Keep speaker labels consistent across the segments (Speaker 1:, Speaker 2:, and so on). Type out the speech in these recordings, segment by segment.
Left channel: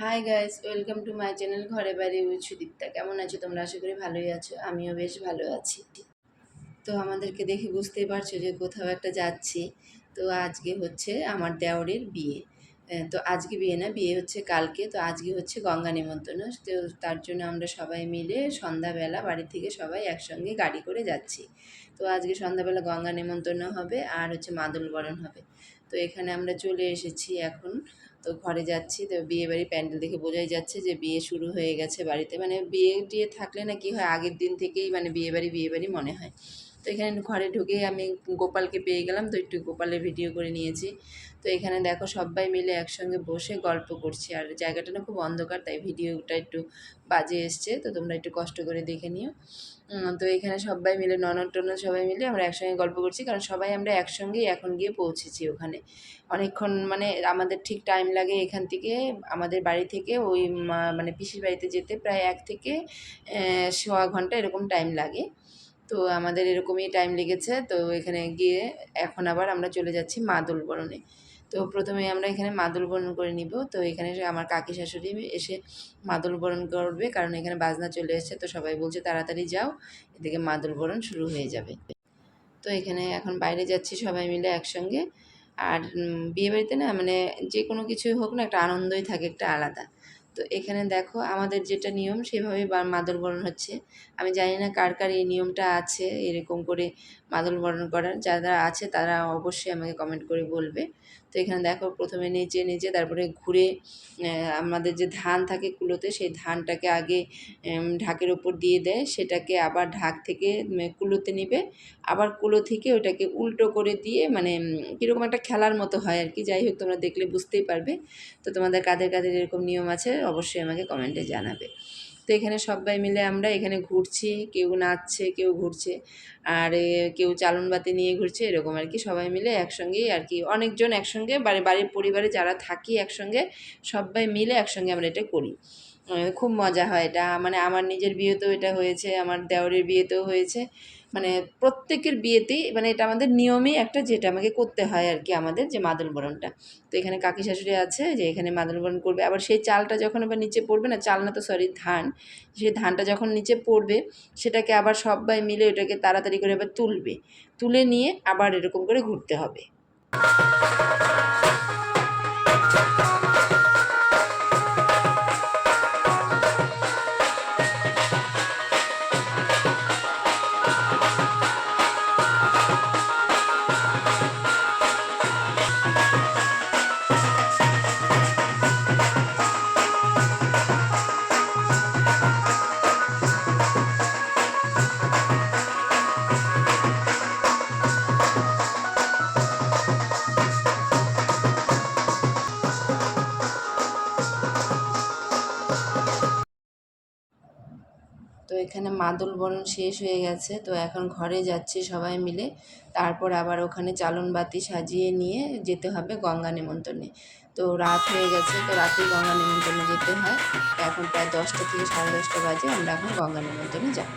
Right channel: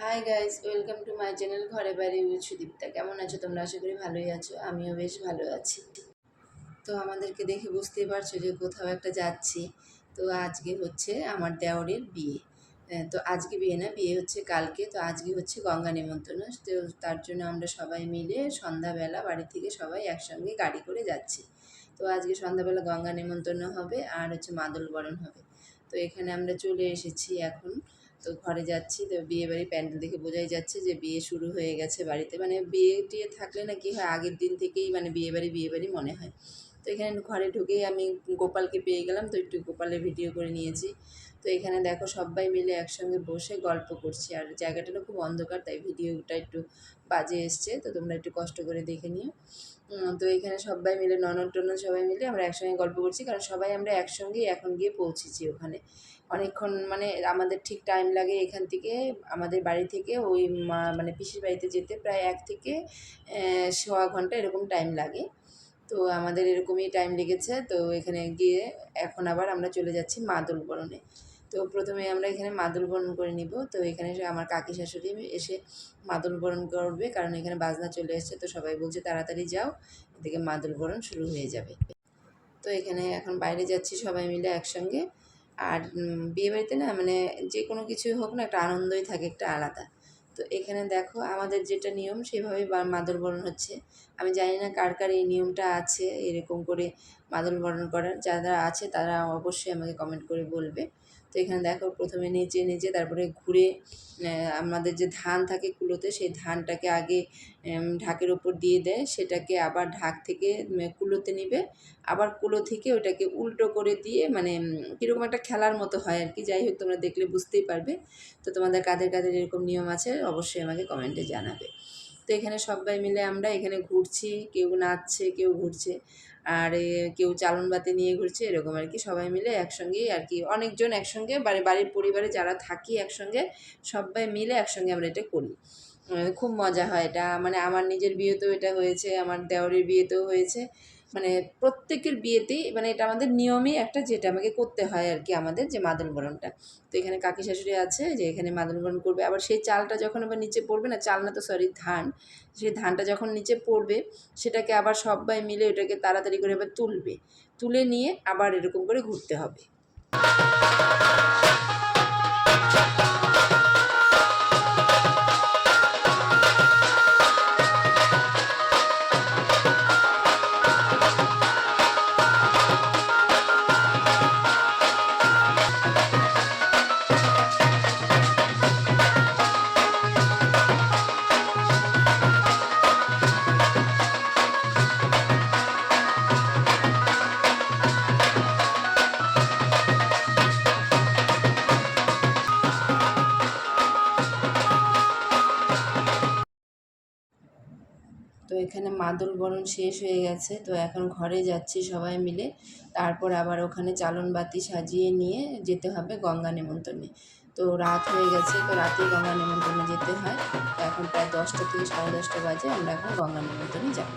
Speaker 1: Hi guys welcome to my channel ঘরে বাড়ি with Sudipta কেমন আছো তোমরা? আশা করি ভালোই আছো। আমিও বেশ ভালো আছি। তো আমাদেরকে দেখে বুঝতেই পারছ যে কোথাও একটা যাচ্ছি। তো আজকে হচ্ছে আমার দেওরের বিয়ে। তো আজকে বিয়ে না, বিয়ে হচ্ছে কালকে। তো আজকে হচ্ছে গঙ্গা নিমন্ত্রণ। তো তার জন্য আমরা সবাই মিলে সন্ধ্যাবেলা বাড়ি থেকে সবাই একসঙ্গে গাড়ি করে যাচ্ছি। তো আজকে সন্ধ্যাবেলা গঙ্গা নিমন্ত্রণ হবে আর হচ্ছে মাদল বরণ হবে। তো এখানে আমরা চলে এসেছি এখন। তো ঘরে যাচ্ছি, তো বিয়ে বাড়ি প্যান্ডেল দেখে বোঝাই যাচ্ছে যে বিয়ে শুরু হয়ে গেছে বাড়িতে। মানে বিয়ে টিয়ে থাকলে না কি হয়, আগের দিন থেকেই মানে বিয়ে বাড়ি বিয়ে বাড়ি মনে হয়। তো এখানে ঘরে ঢুকে আমি গোপালকে পেয়ে গেলাম। তো একটু গোপালের ভিডিও করে নিয়েছি। তো এখানে দেখো সবাই মিলে একসঙ্গে বসে গল্প করছি। আর জায়গাটা না খুব অন্ধকার, তাই ভিডিওটা একটু বাজে এসছে। তো তোমরা একটু কষ্ট করে দেখে নিও। তো এখানে সবাই মিলে, ননদ টনদ সবাই মিলে আমরা একসঙ্গে গল্প করছি। কারণ সবাই আমরা একসঙ্গেই এখন গিয়ে পৌঁছেছি ওখানে। অনেকক্ষণ মানে আমাদের ঠিক টাইম লাগে এখান থেকে, আমাদের বাড়ি থেকে, ওই মানে পিসির বাড়িতে যেতে প্রায় এক থেকে সোয়া ঘণ্টা এরকম টাইম লাগে। তো আমাদের এরকমই টাইম লেগেছে। তো এখানে গিয়ে এখন আবার আমরা চলে যাচ্ছি মাদল বরণে। তো প্রথমে আমরা এখানে মাদল বরণ করে নিব। তো এখানে আমার কাকি শাশুড়ি এসে মাদল বরণ করবে কারণ এখানে বাজনা চলে এসেছে। তো সবাই বলছে তাড়াতাড়ি যাও এদিকে মাদল বরণ শুরু হয়ে যাবে। তো এখানে এখন বাইরে যাচ্ছি সবাই মিলে একসঙ্গে। আর উম, বিয়ে বাড়িতে না মানে যে কোনো কিছুই হোক না একটা আনন্দই থাকে একটা আলাদা। তো এখানে দেখো আমাদের যেটা নিয়ম সেভাবেই বা- মাদল বরণ হচ্ছে। আমি জানি না কার কার এই নিয়মটা আছে, এরকম করে মাদল বরণ করার, যারা আছে তারা অবশ্যই আমাকে কমেন্ট করে বলবে। তো এখানে দেখো, প্রথমে নিচে নিচে তারপরে ঘুরে আমাদের যে ধান থাকে কুলোতে, সেই ধানটাকে আগে ঢাকের ওপর দিয়ে দেয়। সেটাকে আবার ঢাক থেকে কুলোতে নিবে। আবার কুলো থেকে ওটাকে উল্টো করে দিয়ে মানে কীরকম একটা খেলার মতো হয় আর কি। যাই হোক, তোমরা দেখলে বুঝতেই পারবে। তো তোমাদের কাদের কাদের এরকম নিয়ম আছে, অবশ্যই আমাকে কমেন্টে জানাবে। তো এখানে সবাই মিলে আমরা এখানে ঘুরছি, কেউ নাচছে, কেউ ঘুরছে। আর কেউ চালন বাতি নিয়ে ঘুরছে, এরকম আর কি। সবাই মিলে একসঙ্গেই আর কি, অনেকজন একসঙ্গে বাড়ি বাড়ির পরিবারে যারা থাকি একসঙ্গে, সবাই মিলে একসঙ্গে আমরা এটা করি। খুব মজা হয় এটা। মানে আমার নিজের বিয়েতেও এটা হয়েছে, আমার দেওরের বিয়েতেও হয়েছে। মানে প্রত্যেকের বিয়েতেই মানে এটা আমাদের নিয়মই একটা যেটা আমাকে করতে হয় আর কি আমাদের যে মাদল বরণটা। তো এখানে কাকি শাশুড়ি আছে যে এখানে মাদল বরণ করবে। আবার সেই চালটা যখন আবার নিচে পড়বে না, চাল না তো সরি ধান, সেই ধানটা যখন নিচে পড়বে সেটাকে আবার সবাই মিলে ওটাকে তাড়াতাড়ি করে আবার তুলবে। তুলে নিয়ে আবার এরকম করে ঘুরতে হবে। এখানে মাদল বরণ শেষ হয়ে গেছে, তো এখন ঘরে যাচ্ছি সবাই মিলে। তারপর আবার ওখানে চালন বাতি সাজিয়ে নিয়ে যেতে হবে গঙ্গা নিমন্ত্রণে। তো রাত হয়ে গেছে, তো রাতে গঙ্গা নিমন্ত্রণে যেতে হয়। এখন প্রায় দশটা থেকে সাড়ে দশটা বাজে, আমরা এখন গঙ্গা নেমন্তণে যাবি।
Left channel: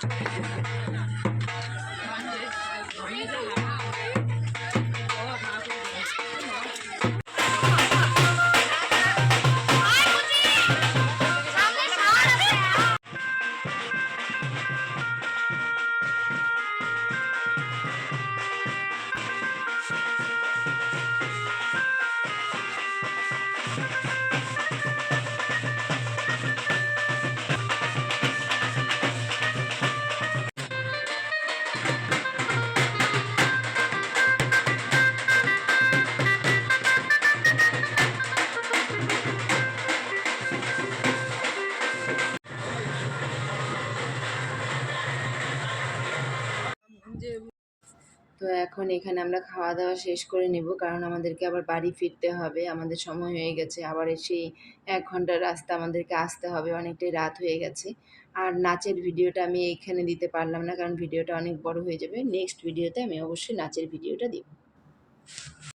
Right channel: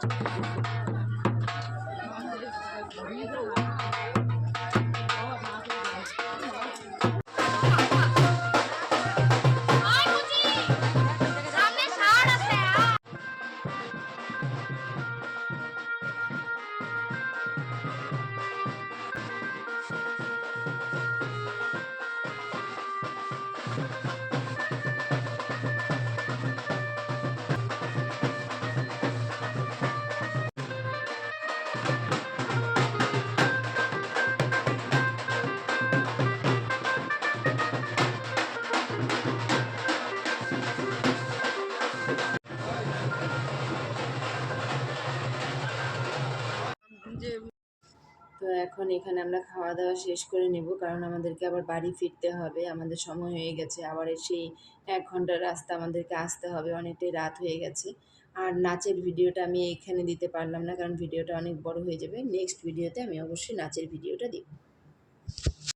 Speaker 2: Thank you.
Speaker 1: এখন এখানে আমরা খাওয়া দাওয়া শেষ করে নেব। কারণ আমাদেরকে আবার বাড়ি ফিরতে হবে। আমাদের সময় হয়ে গেছে। আবার এসে এক ঘণ্টার রাস্তা আমাদেরকে আসতে হবে। অনেকটাই রাত হয়ে গেছে। আর নাচের ভিডিওটা আমি এখানে দিতে পারলাম না। কারণ ভিডিওটা অনেক বড় হয়ে যাবে। নেক্সট ভিডিওতে আমি অবশ্যই নাচের ভিডিওটা দিব।